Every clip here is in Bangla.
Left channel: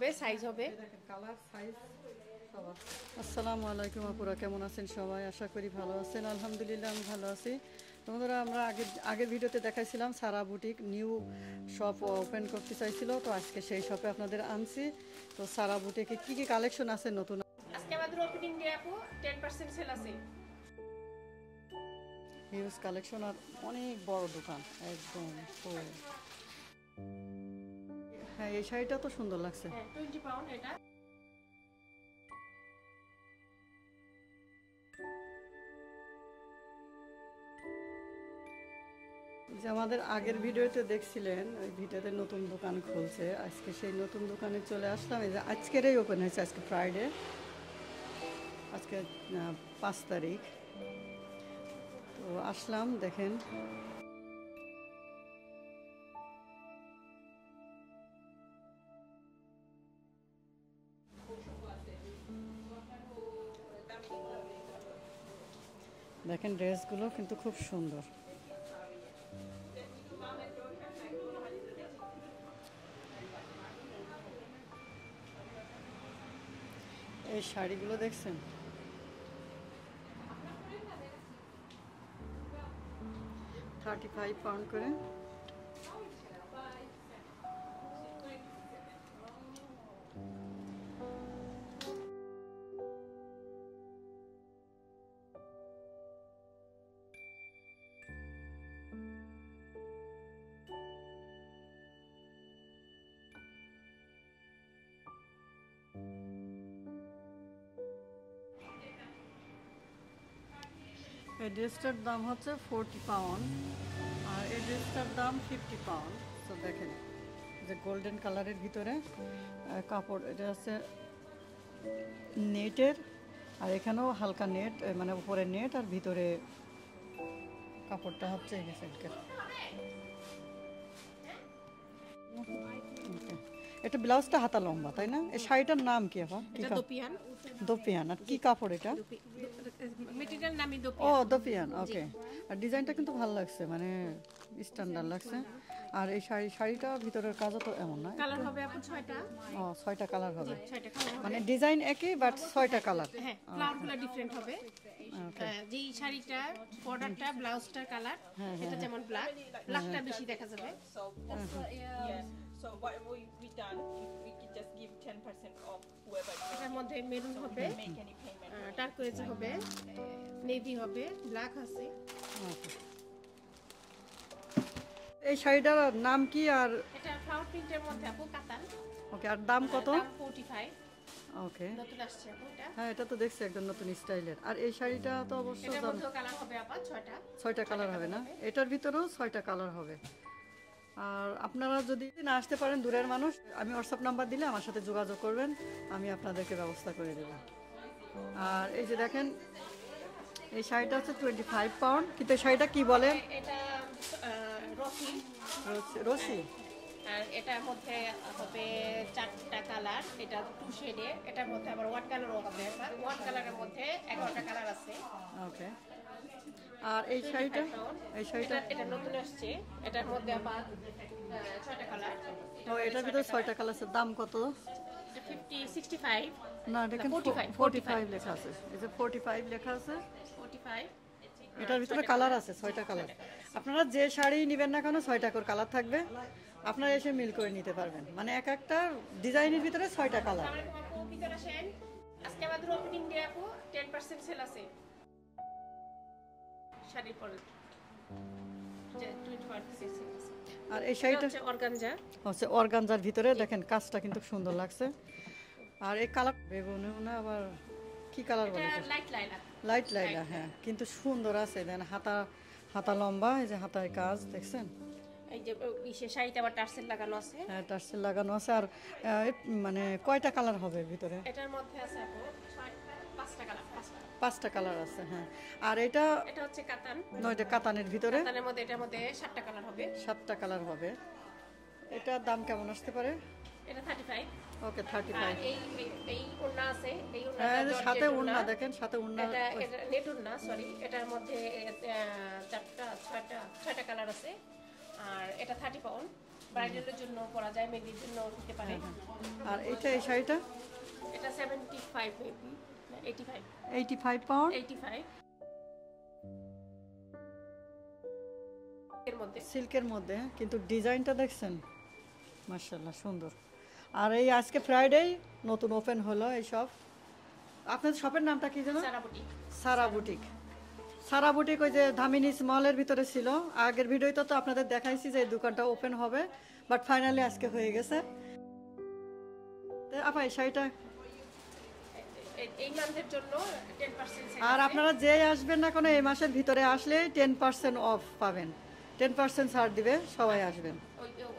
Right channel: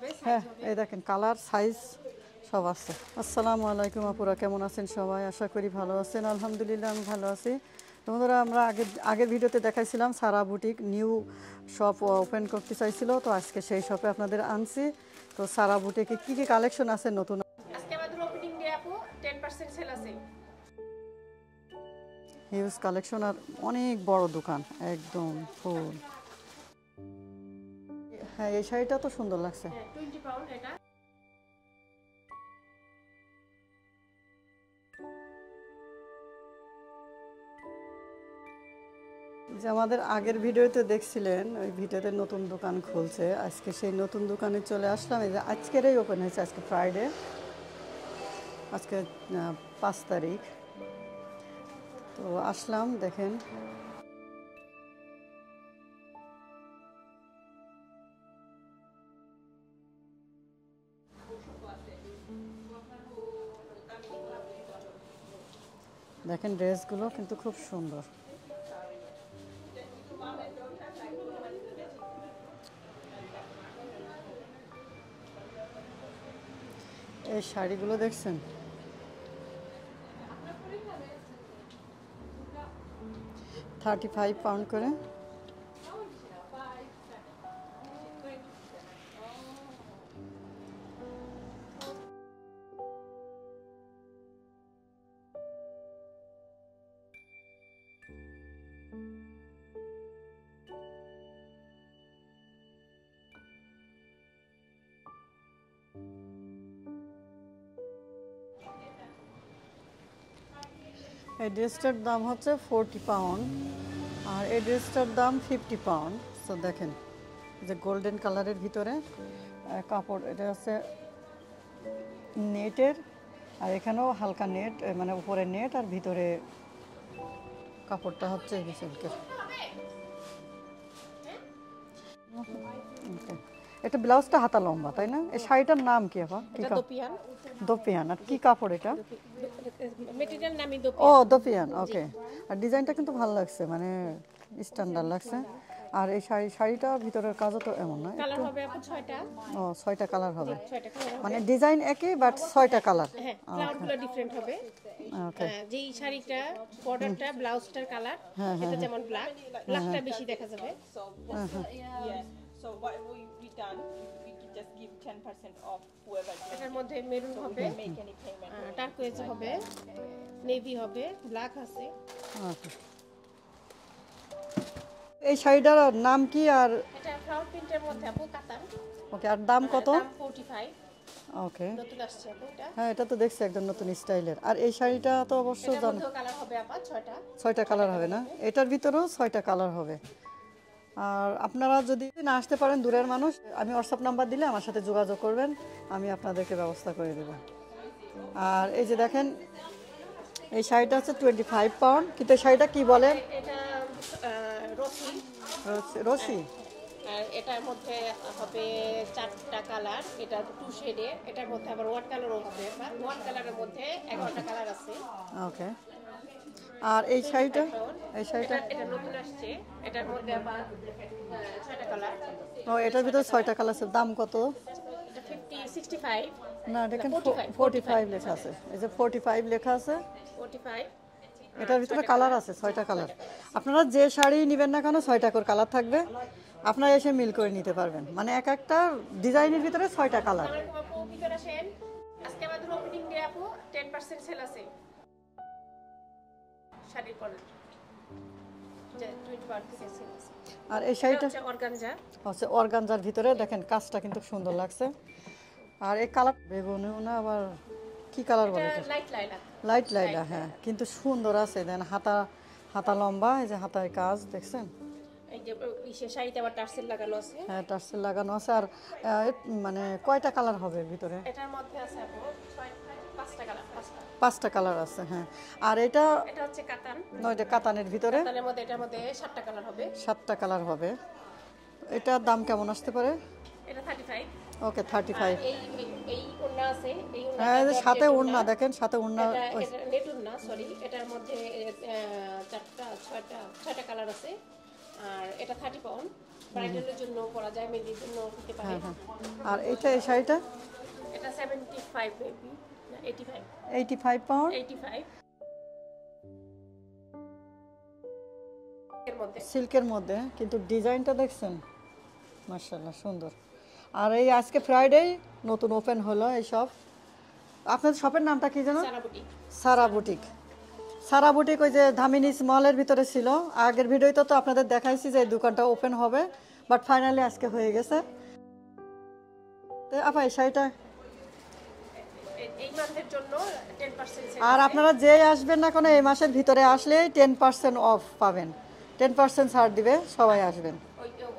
হবে, সাইজ হবে। এই দেখেন কালার সাইজ সব আছে। আসসালামু আলাইকুম আপুরা, কেমন আছেন সবাই? আশা করি ভালো আছেন। আলহামদুলিল্লাহ আমি ভালো আছি। বন্ধুরা, আমরা আগের ভিডিওতে দেখাইছিলাম সারা বুটিক নিউ শপ ওপেন করতে চাইছিল, তো আজকে সেই শপে আপনাদের আনছি। তো সারা বুটিকে কি কি কালেকশন আছে নতুন? আজকে আমাদের ওপেনিং ডে আপু, 10% সেল আছে। হিউজ কালেকশন আর অনেক বড় দোকান, একদম ফুল। হ্যাঁ, এই শাড়িটা তো সুন্দর লাগছে। 20 পাউন্ড এটা। যে আমাদের আগের ভিডিওতে দেখছিলেন, ওই ভিডিওতে নতুন দোকান খুলছে। আজকে সেই নতুন দোকানে চলে আসলাম। এই যে আজকেরই ওপেন হয়েছে, আজকে ফ্রাইডে, আজকে 5 তারিখ। তো আসলাম, দেখেন দেখেন ড্রেসগুলো কিন্তু খুব সুন্দর। এই শাড়িগুলো দেখছেন, 35 পাউন্ড করে। এই ড্রেসটার দাম হচ্ছে 40 পাউন্ড আর এই ড্রেসটার দাম 50 পাউন্ড। তো দেখেন যে গোল্ডেন কালারের ভিতরে কাপড়, এটা আছে নেটের, আর এখানেও হালকা নেট, মানে উপরে নেট আর ভিতরে কাপড়টা হচ্ছে সিল্কের। ওকে, এটা ব্লাউজটা হাতা লম্বা, তাই না? এই শাড়িটার নাম কি আপা? কি দোপিয়ান। দোপিয়ান। আর কি কাপড় এটা? মেটেরিয়াল নামই ও দোপিয়ান। দোপিয়ান, ওকে। আর ডিজাইনটা কিন্তু ভালো লাগছে, মানে স্ট্যান্ডার্ড লাগছে। আর এই শাড়িটা ভিতরের কাজও তো এমন না, কালার হবে আপু 6টা। ও 6টা কালার হবে, 6টা কালার হবে। মানে ডিজাইন একই বাট 6টা কালার। হ্যাঁ, কালারগুলো ডিফারেন্ট হবে। ওকে, যেই শাড়িটা বর্ডারটা ব্লাউজটার কালার, এটা যেমন ব্ল্যাকটা বেশি দেখা যাবে। So what we done, we can just give 10% off whoever এটার মধ্যে মেরুন হবে, make any payment. টার্কোয়েজ হবে, নেভি হবে, ব্ল্যাক আছে। এই শাড়িটার নাম কি? আর এটা ফ্লাওয়ার প্রিন্টের মধ্যে আপু, কাতান। ওকে, আর দাম কত? 45। ওকে, নতুন আসছে আপু এটা। হ্যাঁ এটা তো দেখছি একদম নতুন স্টাইলের। আর এই শাড়িটা তো অবশ্য এটার জানো মধ্যেও কালার হবে আপা 6টা। 6টা কালার হবে না? এটার ভিতরেও 6টা কালার হবে। আর আপনারা যদি না আসতে পারেন, দূরের মানুষ, আমি হোয়াটসঅ্যাপ নাম্বার দিলে আমার সাথে যোগাযোগ করবেন, আমি আপনাদেরকে ব্যবস্থা করে দেব। আর এই যে দেখেন, এই শাড়িটা হচ্ছে 25 পাউন্ড, কিন্তু এই শাড়িটা কি বলেন? এটা রকি। রশি। আর এটার মধ্যে হবে 4টা কালার, এটা 2 শেডে। এটার মধ্যে আবার ওয়ান কালার হবে, ওয়ান কালারের মধ্যে 11টা কালার আছে। ওকে, আর এই শাড়িটা? এই শাড়িটা এটা নতুন আসছে, এটার মধ্যে আবার 6টা কালার। ও, এটার ভিতরে 6টা কালার আছে। দাম কত? এটা 50, 65, না, দেখেন 45 লেখা আছে। এই যে 45 লেখা আছে। 45। এটার ভিতরে কালার আছে 6টা কালার। আপনারা যে শাড়ি নেবেন না কেন 6টা করে কালার থাকবে, আপনারা এসে মিল করে নিতে পারবেন। মানে এক একটা ডিজাইনের ভিতরে 6টা কালার। আজকে আমাদের ওপেনিং ডে আপু, 10% সেল আছে শাড়ির পরে। আর এই শাড়িটা অর্গানজা হচ্ছে অর্গানজার ভিতরে, দেখেন কাজটা কিন্তু সুন্দর লাগছে। আর এই কালার বেগুনিও না, আবার কি কালার বলে? লাইট লাইলা। হ্যাঁ, কিন্তু সুন্দর আছে। দেন হাতা লম্বা, এই যে হাতার কাজ দেখছেন। এই যে শাড়িতে আবার টার্সেল লাগানো আছে। হ্যাঁ, টার্সেল লাগানো আছে। আর মানে কয়টা কালার হবে ভিতরে? এটার মধ্যে আছে আপু 5টা কালার। 5টা কালার আছে। হ্যাঁ, আর এটা হচ্ছে কাতান। নয়টা কাতানের ভিতরে। কাতানের মধ্যে এটার মধ্যে 7টা কালার হবে। 7টা কালার হবে। এটার দাম কেমন আসতে পারে? এটা 35। ওকে, 35। এই ওড়না আছে, এই ওড়না। হ্যাঁ, সাথে ওড়না দেখেন, সাথে ওড়না। এটা নেট ওড়না, সরি। এটার মধ্যে 6টা কালার আছে। আর এটা 30 পাউন্ড। ব্রাইডালের জন্য পরা যায়, মেহেদির জন্য হতে পারে। হ্যাঁ হ্যাঁ। আর এটা এই শাড়িটা এটা 75 বেবি, না 85, 85 পাউন্ড 85 এর মধ্যে। সিল্কের মধ্যে, কিন্তু ডিজাইনটা দেখছেন মাশাআল্লাহ সুন্দর। আর এই আজকে ফ্রাইডে নতুন ওপেন হলো এই শপ। আপনাদের শপের নামটা কি যেন? সারা বুটিক। সারা বুটিক। সারা বুটিক ওই যে ধামিনিস মলের ভিতরে ছিল। আগের ভিডিওতে তো আপনাদের দেখাইছি যে এই দোকানটা ওপেন হবে, বাট ফাইনালি আজকে হয়ে গেছে। তো আপা এই শাড়িটা এই মান্থের জন্য 10% আর আপনারা যে আসবেন না কোনো এই মাসের ভিতরে আসলে 10% অফ পাবেন, 10% ছাড় দিবে, সবাই আসবেন।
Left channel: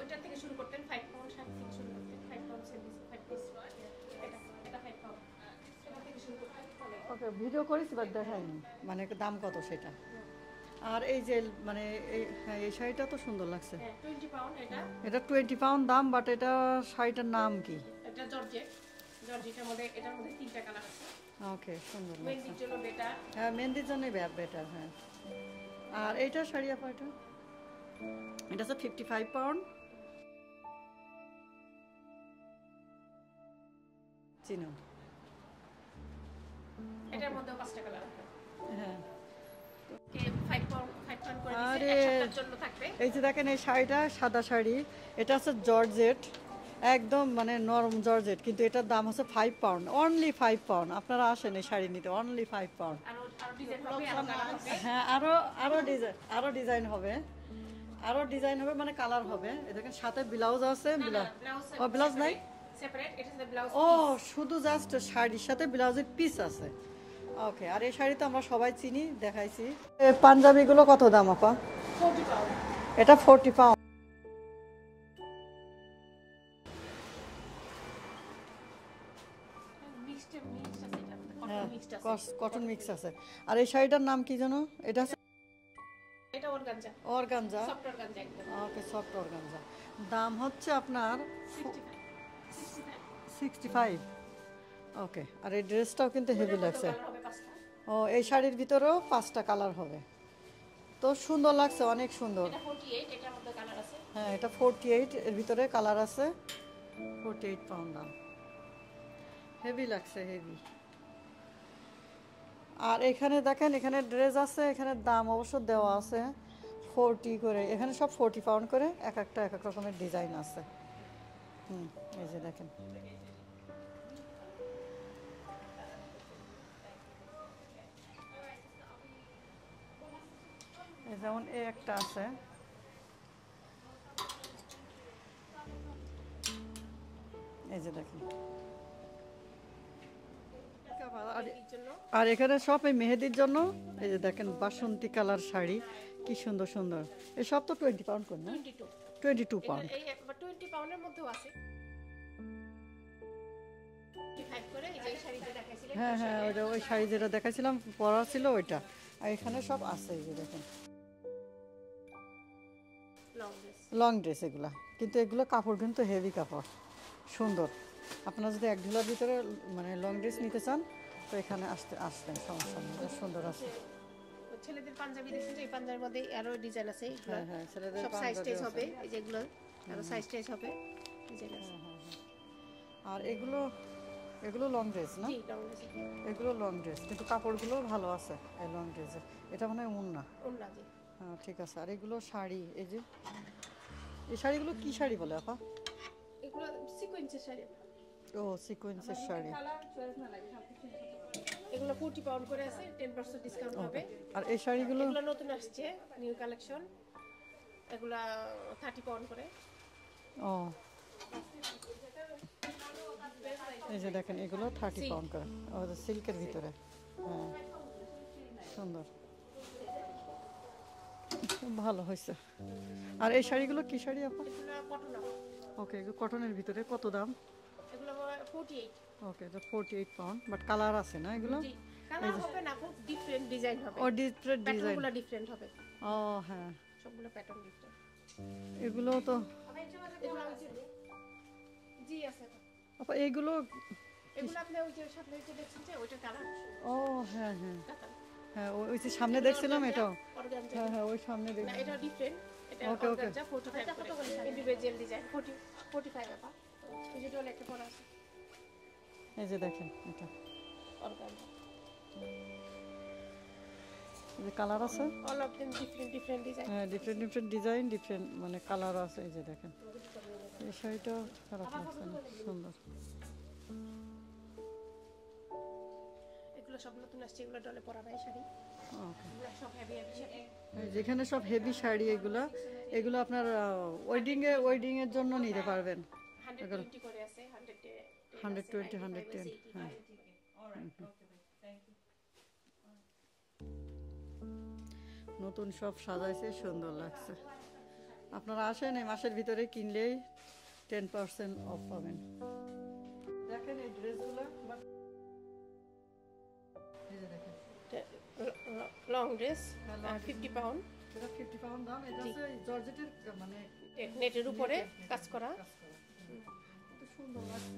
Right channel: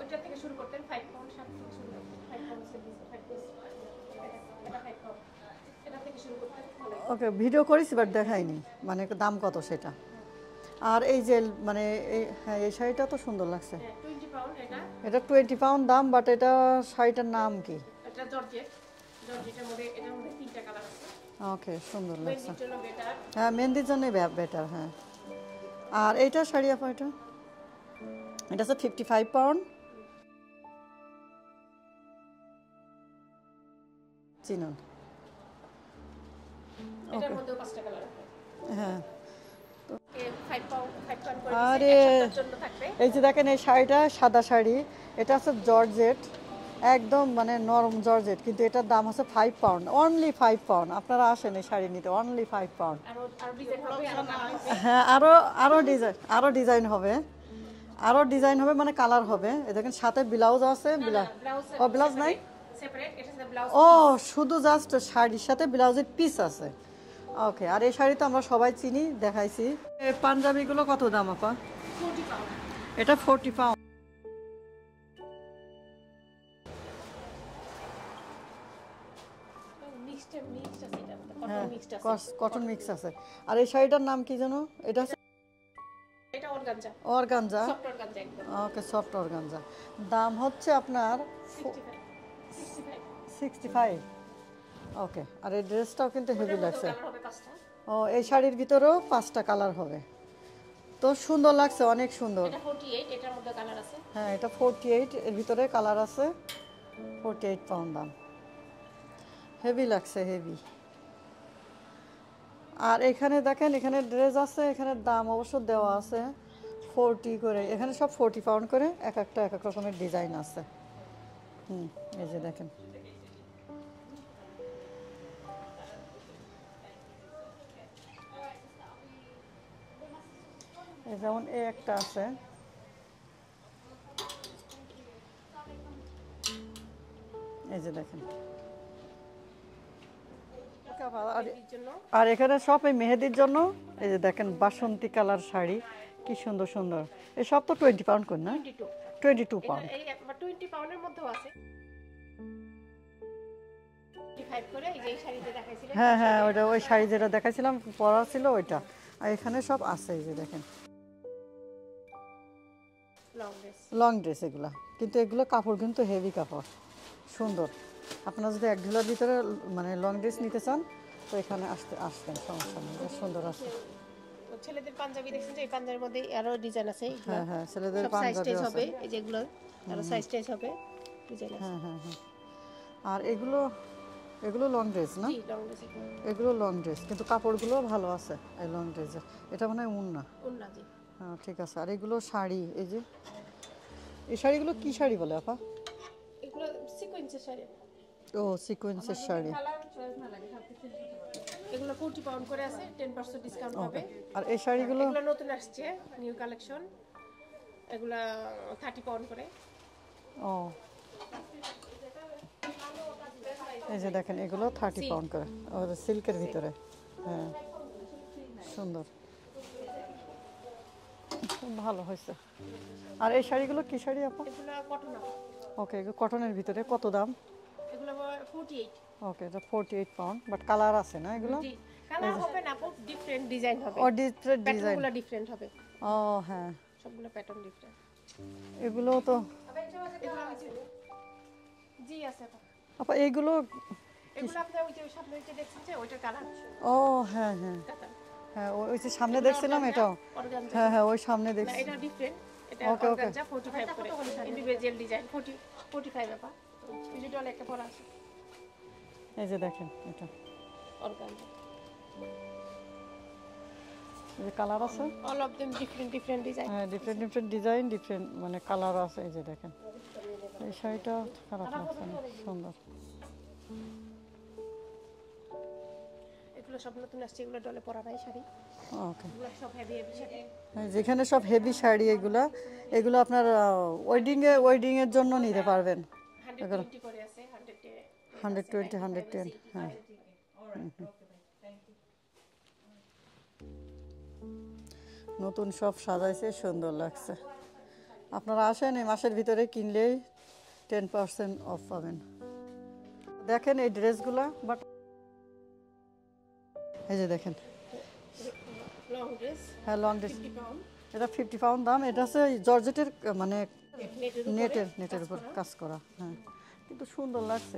ওইটা থেকে শুরু করতেন 5 পাউন্ড 7 থেকে শুরু করতেন 5 পাউন্ড 5 পিস, এটা 5 পাউন্ড, এটা থেকে শুরু করতেন। ওকে, ভিডিও করেছি বাট দেখাইনি মানে দাম কত সেটা। আর এই যে মানে হ্যাঁ এই শাড়িটা তো সুন্দর লাগছে। 20 পাউন্ড এটা। এটা 20 পাউন্ড দাম, বাট এটা শাড়িটার নাম কি? এটা জর্জেট, জর্জেটের মধ্যে এটার মধ্যে 3টা কালার আছে। ওকে, সুন্দর লাগছে। মেহেদির জন্য বেটার। হ্যাঁ মেহেন্দির জন্য বেটার। হ্যাঁ। আর এইটা শাড়ি আপা এটা হচ্ছে 55 পাউন্ড। চিনুন। এটার মধ্যে 5টা কালার। হ্যাঁ। 5 পাউন্ড করে আরে দিয়েছে, জন্য থাকবে। এই যে দেখেন এই শাড়িটা সাদা শাড়ি, এটা হচ্ছে জর্জেট, একদম মানে নরম জর্জেট, কিন্তু এটার দাম হচ্ছে 5 পাউন্ড, অনলি 5 পাউন্ড। আপনারা আসেন এই শাড়ি নিতে, অনলি 5 পাউন্ড। আরো ডিজাইন হবে, আরো কালার হবে। হ্যাঁ আরো ডিজাইন হবে মানে কালার হবে। এই দেখেন সাথে ব্লাউজ আছে, ব্লাউজ নাই, সেপারেট, এটা হচ্ছে ব্লাউজ। ও শুধু জাস্ট শাড়ির সাথে ব্লাউজের পিস আছে। ওকে, আর এই শাড়ি তো আমরা সবাই চিনি, দেখাইছি। পাঞ্জাবিগুলো কত দাম আপা? 40 পাউন্ড। এটা 40 পাউন্ড। মিক্সড আছে, এটা কটন হ্যাঁ মিক্সড আছে। কটন মিক্স আছে। আর এই শাড়িটার নাম কি জানো? এটা এটা অর্গানজা, অর্গানজা। সফট অর্গানজা একদম। ওকে, সফট অর্গানজা। দাম হচ্ছে আপনার 65। ওকে, আর এই ড্রেসটাও কিন্তু হেভি লাগছে। কালার হবে 5টা। ও এই শাড়ির ভিতরেও 5টা কালার হবে, তো সুন্দর লাগছে, অনেক সুন্দর। এটা 48, এটার মধ্যে কালার আছে। হ্যাঁ এটা 48, এর ভিতরে কালার আছে। 48 পাউন্ড দাম, হেভি লাগছে, হেভি। আর এখানে দেখেন এখানে ড্রেস আছে, এখানে দাম অবশ্য দেওয়া আছে 40 করে। এখানে সব 40 পাউন্ড করে, এক একটা এক এক রকমের ডিজাইন আছে। এই যে দেখেন এই যেমন এই একটা আছে, এই যে দেখেন। আর এখানে সব এই মেহেদির জন্য, এই যে দেখেন বাসন্তী কালার শাড়ি, কি সুন্দর সুন্দর। এই সব তো 20 পাউন্ড করে না? 22 পাউন্ড। এই 20 পাউন্ডের মধ্যেও আছে। 25 করে এই যে এই শাড়িতে দেখাইছিলেন। হ্যাঁ হ্যাঁ, ওইটা ওই শাড়ি যেটা দেখাইছিলাম পরা ছিল ওইটা। আর এখানে সব আছে, এই যে দেখেন লং ড্রেস এগুলা, কিন্তু এগুলো কাপড় কিন্তু হেভি কাপড়, সুন্দর। আপনারা যদি এক ঢোলার ভিতরে মানে লং ড্রেস নিতে চান তো এখানে আসবেন, সমস্যা নেই, সুন্দর আছে। ছেলেদের পাঞ্জাবি দেখছেন যে এই পাঞ্জাবির মধ্যে আরো ডিজাইন আছে। হ্যাঁ হ্যাঁ, ছেলেদের সাইজ পাঞ্জাবি টাইজ আছে। হবে, এই যেগুলো আরো সাইজ টাইজ হবে, ডিজাইন আছে। হ্যাঁ হ্যাঁ হ্যাঁ। আর এগুলো লং ড্রেস না? জি, লং ড্রেস। এগুলো লং ড্রেস, কিন্তু কাপড়গুলো ভালো আছে এই লং ড্রেসের। এটা মনে হয় উন্না। উন্না, জি। হ্যাঁ ঠিক আছে। আর এগুলো শাড়ি, এই যে এই শাড়িগুলো কি শাড়ি বলে আপা? এগুলো সিকোয়েন্সের শাড়ি। ও সিকোয়েন্সের শাড়ি। এগুলো 40 পাউন্ড করে আছে, 10% ডিসকাউন্ট হবে। আর এই শাড়িগুলো এগুলো নতুন আসছে, নিউ কালেকশন। এগুলা 30 পাউন্ড করে। ও এই যে দেখেন এগুলো 30 পাউন্ড করে, ও সিল্কের ভিতরে। হ্যাঁ সুন্দর, খুব ভালো হয়েছে। আর এই শাড়িগুলো কি শাড়ি আপা? এগুলা কটন। ওকে, এগুলো কটনের ভিতরে, কত দাম? এগুলো 48। ওকে, এটা 48 পাউন্ড, বাট কালার আছে না এগুলো? জি, কালার হবে না, খুব ডিফারেন্ট ডিজাইন হবে। ও ডিফারেন্ট ডিজাইন। প্যাটার্নগুলো ডিফারেন্ট হবে। ও হ্যাঁ, সবগুলো প্যাটার্ন ডিফারেন্ট। এগুলো তো এগুলো হচ্ছে জি আছে। আপা এইগুলো এগুলো আপনি ওই যে সামনে যে দেখছেন যে ওইটা কালার। ও হ্যাঁ হ্যাঁ হ্যাঁ, ওই যে সামনে দেখছিলাম এটাও। হ্যাঁ হ্যাঁ, ওই সামনে না, দেখছি। এটা ডিফারেন্ট। এটা Okay, okay. অর্গানজা 45 করে ইন্ডিভিজুয়াল ডিজাইন 45 টাকা ডিজিটাল একটা পরা আছে এই যে দেখেন এটা অর্গানজা এই যে কালার আছে all of them different design হ্যাঁ ডিফারেন্ট ডিজাইন ডিফারেন্ট মানে কালার আছে এই যে দেখেন এই শাড়িটা খারাপ লাগছে না সুন্দর এগুলো সব নতুন আসছে এগুলো ডলে পরা নাই শাড়ি ওকে এগুলো সব হেভি শাড়ি যেখানে সব হেভি শাড়ি এগুলো আপনার ওয়েডিং এর জন্য নিতে পারবেন 120 করে আছে 120 110 হ্যাঁ নতুন সব সাজাইছে সুন্দর লাগছে আপনারা আসেন এই মাসের ভিতরে কিনলেই 10% অফ পাবেন দেখেন এই ড্রেসগুলো বাট এই যে দেখেন লং ড্রেস হ্যাঁ লং ড্রেস 50 পাউন্ড এটা 50 পাউন্ড দাম এটা হচ্ছে জর্জেটের মানে নেটের উপরে কাজ করা হ্যাঁ কিন্তু সুন্দর লাগছে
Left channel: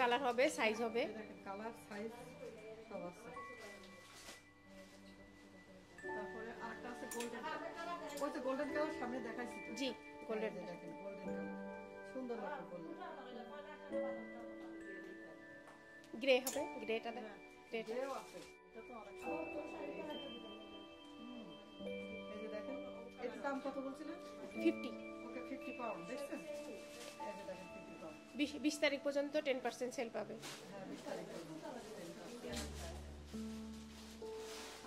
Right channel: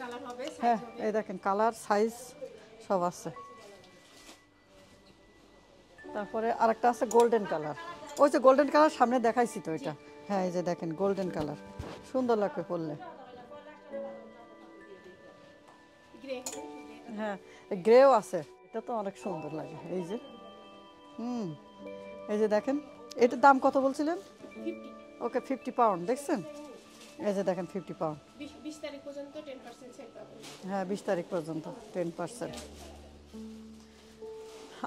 কালার হবে সাইজ হবে এই দেখেন কালার সাইজ সব আছে তারপরে আরেকটা আছে গোল্ডেন কালার ওই যে গোল্ডেন কালার সামনে দেখাইছি তো এটা হ্যাঁ এই যে দেখেন গোল্ডেন কালার সুন্দর লাগবে পরলে গ্রে হবে গ্রেটা হ্যাঁ গ্রেও আছে এটা তো অনেক সুন্দর লাগে এই যে এই যে দেখেন এটার দাম কত বলছিলেন 50 ওকে 50 পাউন্ড দেখছেন এই যে দেখেন 50 পাউন্ড 20 তারিখ পর্যন্ত 10% সেল পাবেন হ্যাঁ 20 তারিখ পর্যন্ত 10%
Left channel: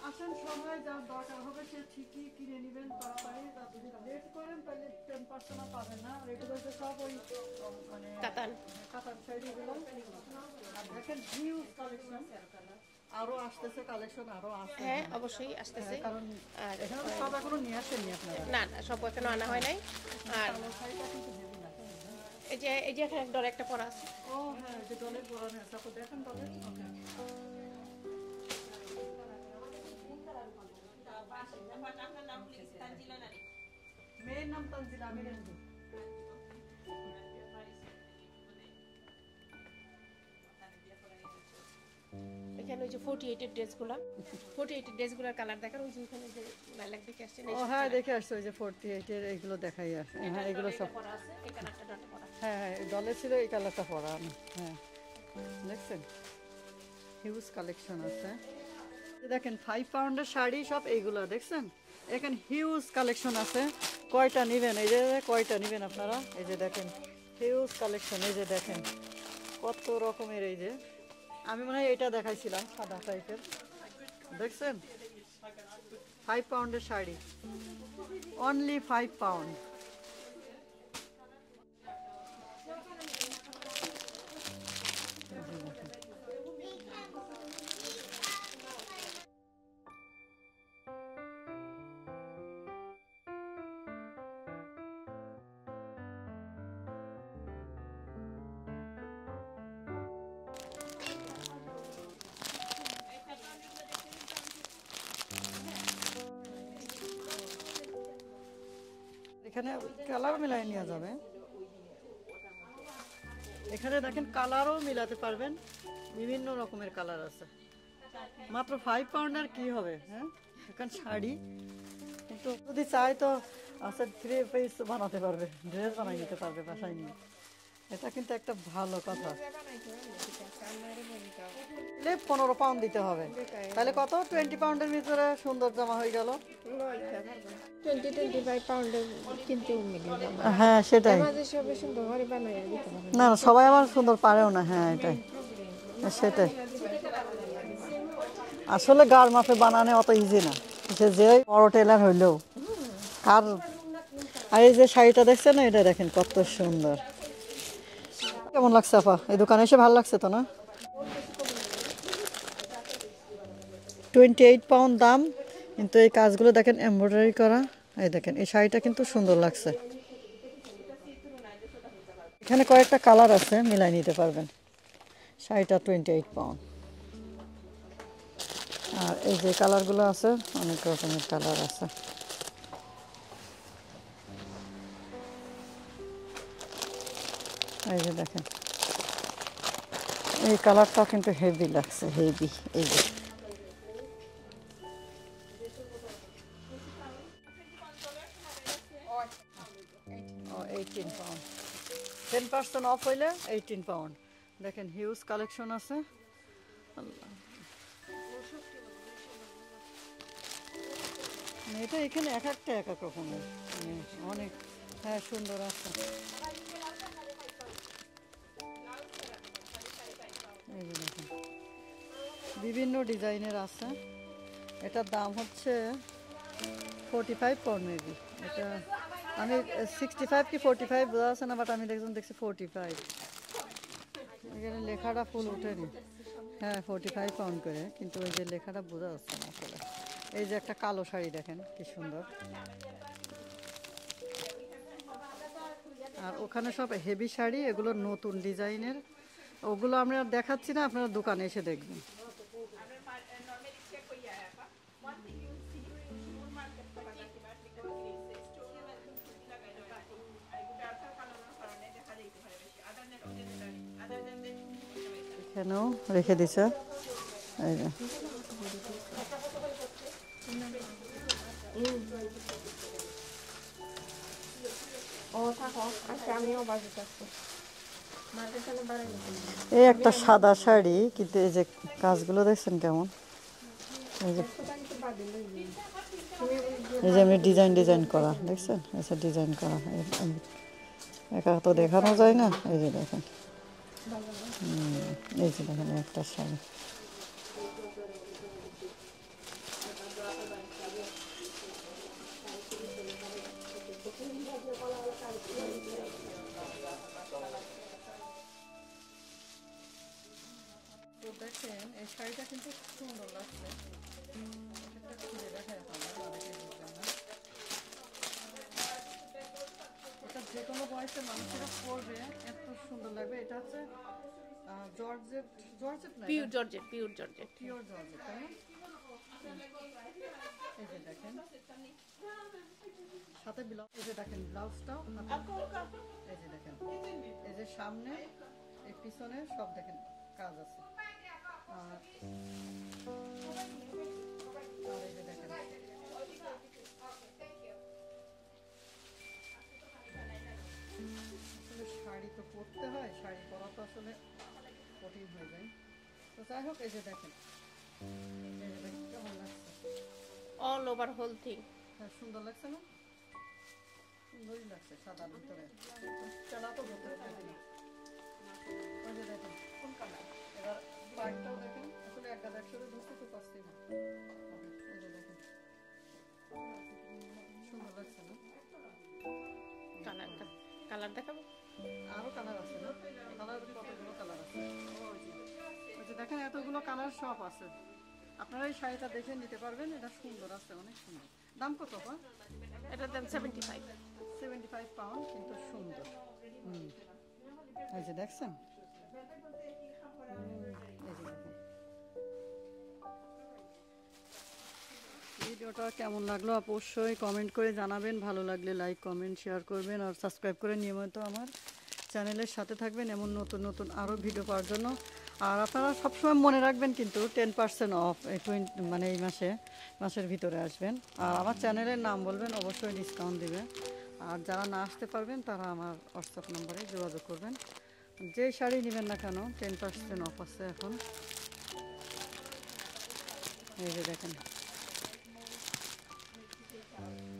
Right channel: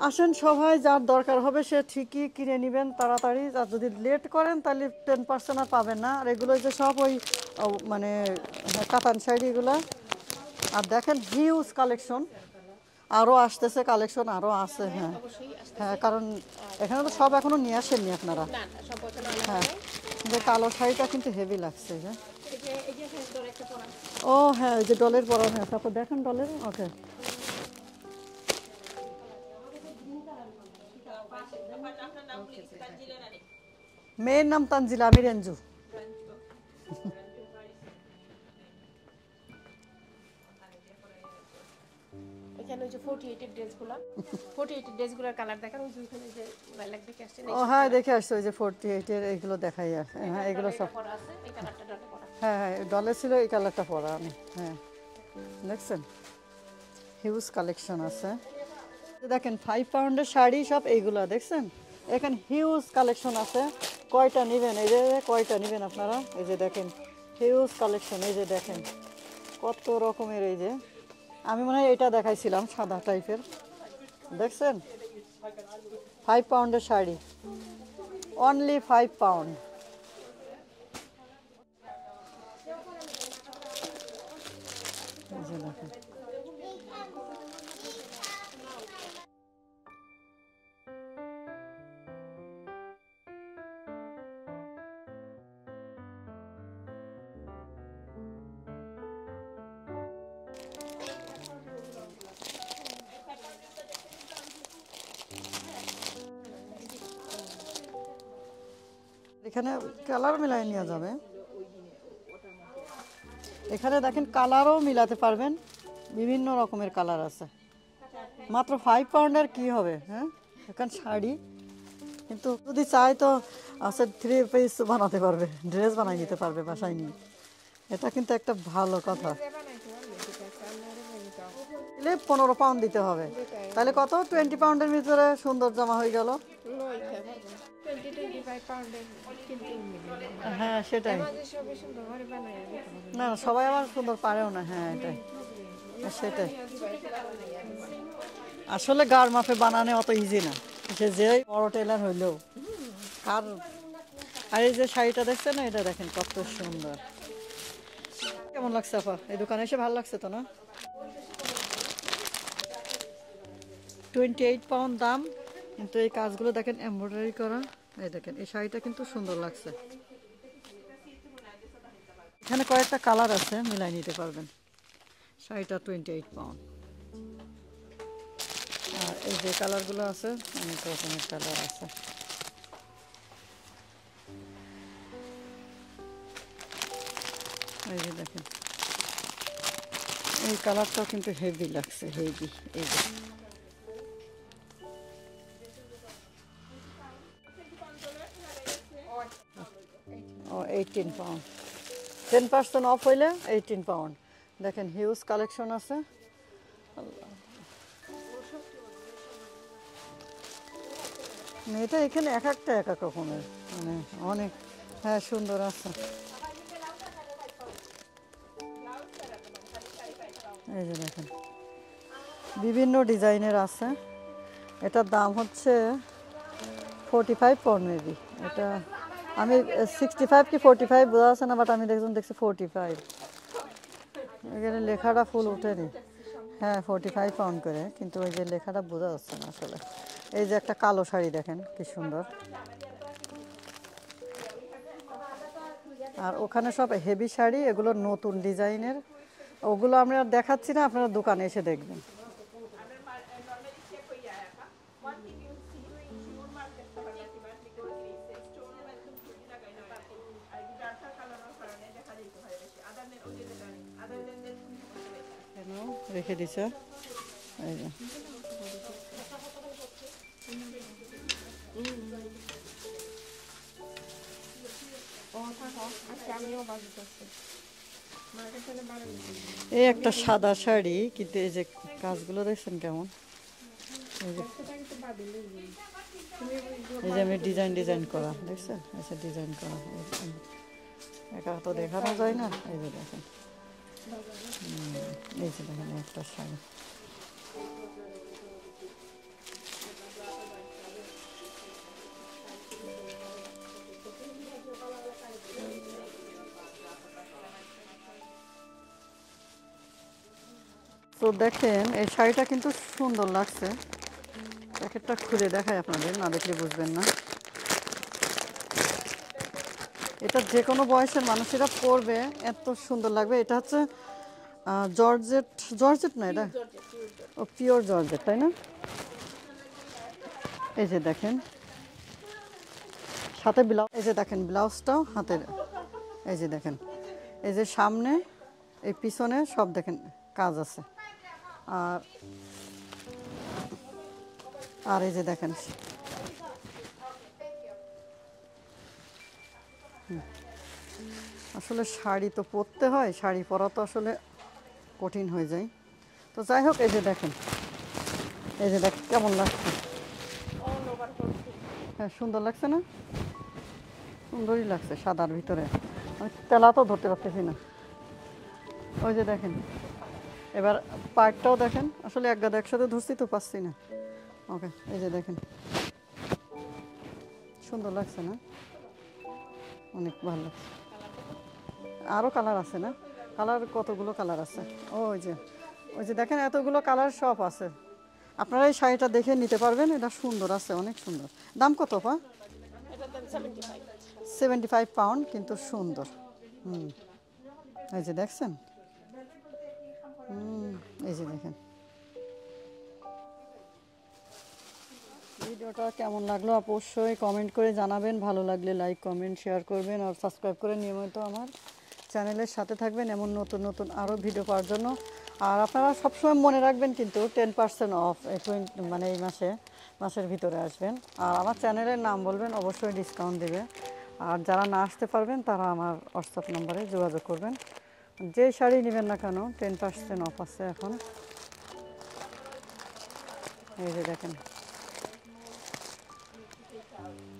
আসেন সবাই যার দরকার হবে সে ঠিকই কিনে নেবেন তাড়াতাড়ি আর যদি লেট করেন তাহলে 10% আর পাবেন না আর এগুলো যে সব ওই মানে কাতান শাড়ি এগুলো আর দেখেন হিউজ কালেকশন আরও আসতেছে কালেকশন আরও আছে হ্যাঁ অবশ্যই আসতে হ্যাঁ কারণ এখানে তো সব এখনো নিয়ে আসেননি আপনারা না সব এখনো আনা হয় নাই যে কালো শাড়িটা কিন্তু হেভি লাগছে যে এই যে ডল একটা পরা আছে ও হ্যাঁ ওই যে ডলের পরানো আছে আপনি দেখেন ডলের ওকে মেয়ের নাম তানজিলা আমি রেঞ্জু এখানে যে 48 এর ড্রেসগুলো 48 এর ড্রেসগুলোর কালার দেখেন ওই যে ওখানে যে লাইলাক দেখে আসছেন ও হ্যাঁ দেখে আসছে ওই যে 48 এর এগুলো দেখাই আর হ্যাঁ এগুলো সব পরা আছে এই কালারটা ডলে পরা হ্যাঁ হ্যাঁ ডলে ছিল এই কালারটা পরা আমি হ্যাঁ দেখছেন হিউজ কালেকশন আছে দেখেন 5 পাউন্ডের শাড়ি সব এইগুলো দেখছেন এখানে হিউজ কালেকশন আছে কয়টা নেবেন এই যে কয়টা নেবেন আপনারা এই যে দেখেন হিউজ কালেকশন এই যে দেখেন কত রকমের এই যে আমি মনে হয় এটা দেখাইছিলাম সাদা টাইপের দেখছেন 5 পাউন্ডের শাড়ি অনলি 5 পাউন্ড এই যে দেখেন এখানে কালার মিলাই নেওয়া যাবে এখানে দেখেন কালারও মিলাতে পারবেন বিভিন্ন রকমের কালার আছে মাত্র 5 পাউন্ডের কি হবে হ্যাঁ এখন শাড়ি কিন্তু যদি চাই তো আছে 3 পিস বানাতে পারবে ড্রেস বানাই নিতে পারবে বাসায় নিয়ে এটা কিন্তু একটা ভালো কথা 15 পাউন্ড দিতে হবে তাহলে কত 20 পাউন্ডের ভিতরে সুন্দর জামা হয়ে গেল 20-25 পাউন্ডের কিন্তু হ্যাঁ সেটাই না না সবাই আবার সুন্দর পারেও না হ্যাঁ এটাই সেটাই আসলে গার মাপে বানানো অত ইজি না সে যে বড় টেলার হইলেও কার আর এই যে শাড়িটা দেখছেন না এটা দেখেন কত সুন্দর কেমন লাগছে আপা এই দোকানে এসে ভালো লাগছে তো না 28 পাউন্ড দাম কিন্তু এই কাজগুলো দেখেন এমব্রয়ডারি করা এই দেখেন এই শাড়িটা কিন্তু সুন্দর লাগছে এখানে কয়েকটা কালার আছে মিলাই নিতে পারবেন শাড়িটা 28 পাউন্ড আর এই যে কালারগুলো আছে অনেক রকমের কালার আছে এই যে দেখেন এই কালারটাও কিন্তু হেভি লাগছে হেভি এই যে ও 18 পাউন্ড, 10% অফ হইলে 18 পাউন্ড। দেখেন হিউজ কালেকশন আছে। এটা এখানে এক একটা এক এক রকমের, মানে অনেক, হ্যাঁ সুন্দর আছে। এই যে দেখেন বিভিন্ন ডিজাইনের আছে। এটার দাম হচ্ছে 45 পাউন্ড মেবি। এটা আমি 65 কি 45 বোঝা আছে না, বাট আমি দেখছি 45। এখানে লেখাটা ফুল উঠেনি। হ্যাঁ 45 পাউন্ড করে, কিন্তু ওই যে লেখাটা বোঝা যাচ্ছে না আসলে। এই যে একটা কালো শাড়ি দেখেন কি সুন্দর। আর ওখানে সব হেভি শাড়ি, এগুলো নতুন ডিজাইনের। ওগুলো আমরা দেখাচ্ছি না, আপনারা দোকানে এসে দেখবেন। এখানেও রেখে দিছে, এই যে এই একটা সাদা শাড়ি, কিন্তু এই যে কাজগুলো দেখছেন কেমন, এই যে আমি ডিজাইন করা দেখছেন, আচ্ছা ডিজাইন করা একা তো দেখানো যায় না। এই যে দেখেন, এই যে দেখেন একটা শাড়ি। তো দেখেন এই শাড়িটা কিন্তু সুন্দর লাগছে। প্যাকেটটা খুলে দেখাই আপনাদের, না দেখলে বুঝবেন না। এটা যে কোনো বয়সের মানুষেরা পরবে, এত সুন্দর লাগবে। এটা হচ্ছে জর্জেট না, এটা ও পিওর জর্জেট, তাই না? এই যে দেখেন সাথে ব্লাউজ, এই যে দেখেন ব্লাউজটাও হাতের। এই যে দেখেন, এই যে সামনে এই পিছনে সব দেখেন কাজ আছে। আর এই যে দেখেন আসলে শাড়ি তো পরতে হয়, শাড়ি পরা তো আসলে কঠিন হয়ে যায়। তো যাই হোক, এই যে দেখেন, এই যে দেখ কেমন লাগছে। হ্যাঁ সুন্দর লাগছে না? সুন্দরই লাগছে সাদার ভিতরে। আমি তেলা তো ধরতে পারতেছি না। ওই যে দেখেন, এবার পার্টটাও দেখেন। আসলে এক গাদা একসাথে ধরছি তো পাচ্ছি না। ওকে, এই যে দেখেন সুন্দর লাগছে না? অনেক ভালো লাগছে। আরও কালার আছে না? কালার কতগুলো কালার আছে। ওই যে দেখেন এতগুলো কালার সব আছে। আপনারা এই শাড়িটা দেখে নিতে পারবেন, এটা সুন্দর আছে, অনেক সুন্দর। দাম কত পা? 75 পাউন্ড, কিন্তু সুন্দর। এই যে দেখছেন, এই যে দেখেন। ভিডিওটা কেমন লাগলো অবশ্যই কমেন্ট করে জানাবেন। ভালো লাগলে লাইক কমেন্ট শেয়ার করবেন, আর সাবস্ক্রাইব করে নিয়মিত আমার চ্যানেলের সাথে থাকবেন এমন নতুন আরও ভিডিও পাওয়ার জন্য। আর আপনারা সবসময় মনে রাখবেন কিন্তু 10% অফ মানে এই মাসের ভিতরে আসবেন। আর আমার চ্যানেলের নাম বলবেন, অবশ্যই ডিসকাউন্ট দেবে। আর যারা না আসতে পারবেন তারা আমার হোয়াটসঅ্যাপ নাম্বারে যোগাযোগ করবেন। যেই শাড়ি নেবেন না কেন 10% অফ আছে এখন। এই যে দেখেন।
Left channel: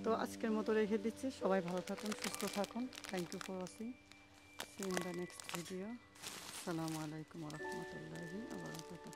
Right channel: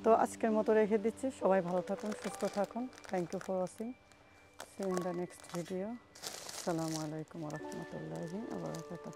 তো আজকের মতো রেখে দিচ্ছি। সবাই ভালো থাকুন, সুস্থ থাকুন। Thank you for watching. See you in the next video. আসসালামু আলাইকুম ওয়া রাহমাতুল্লাহি ওয়া বারাকাতুহু।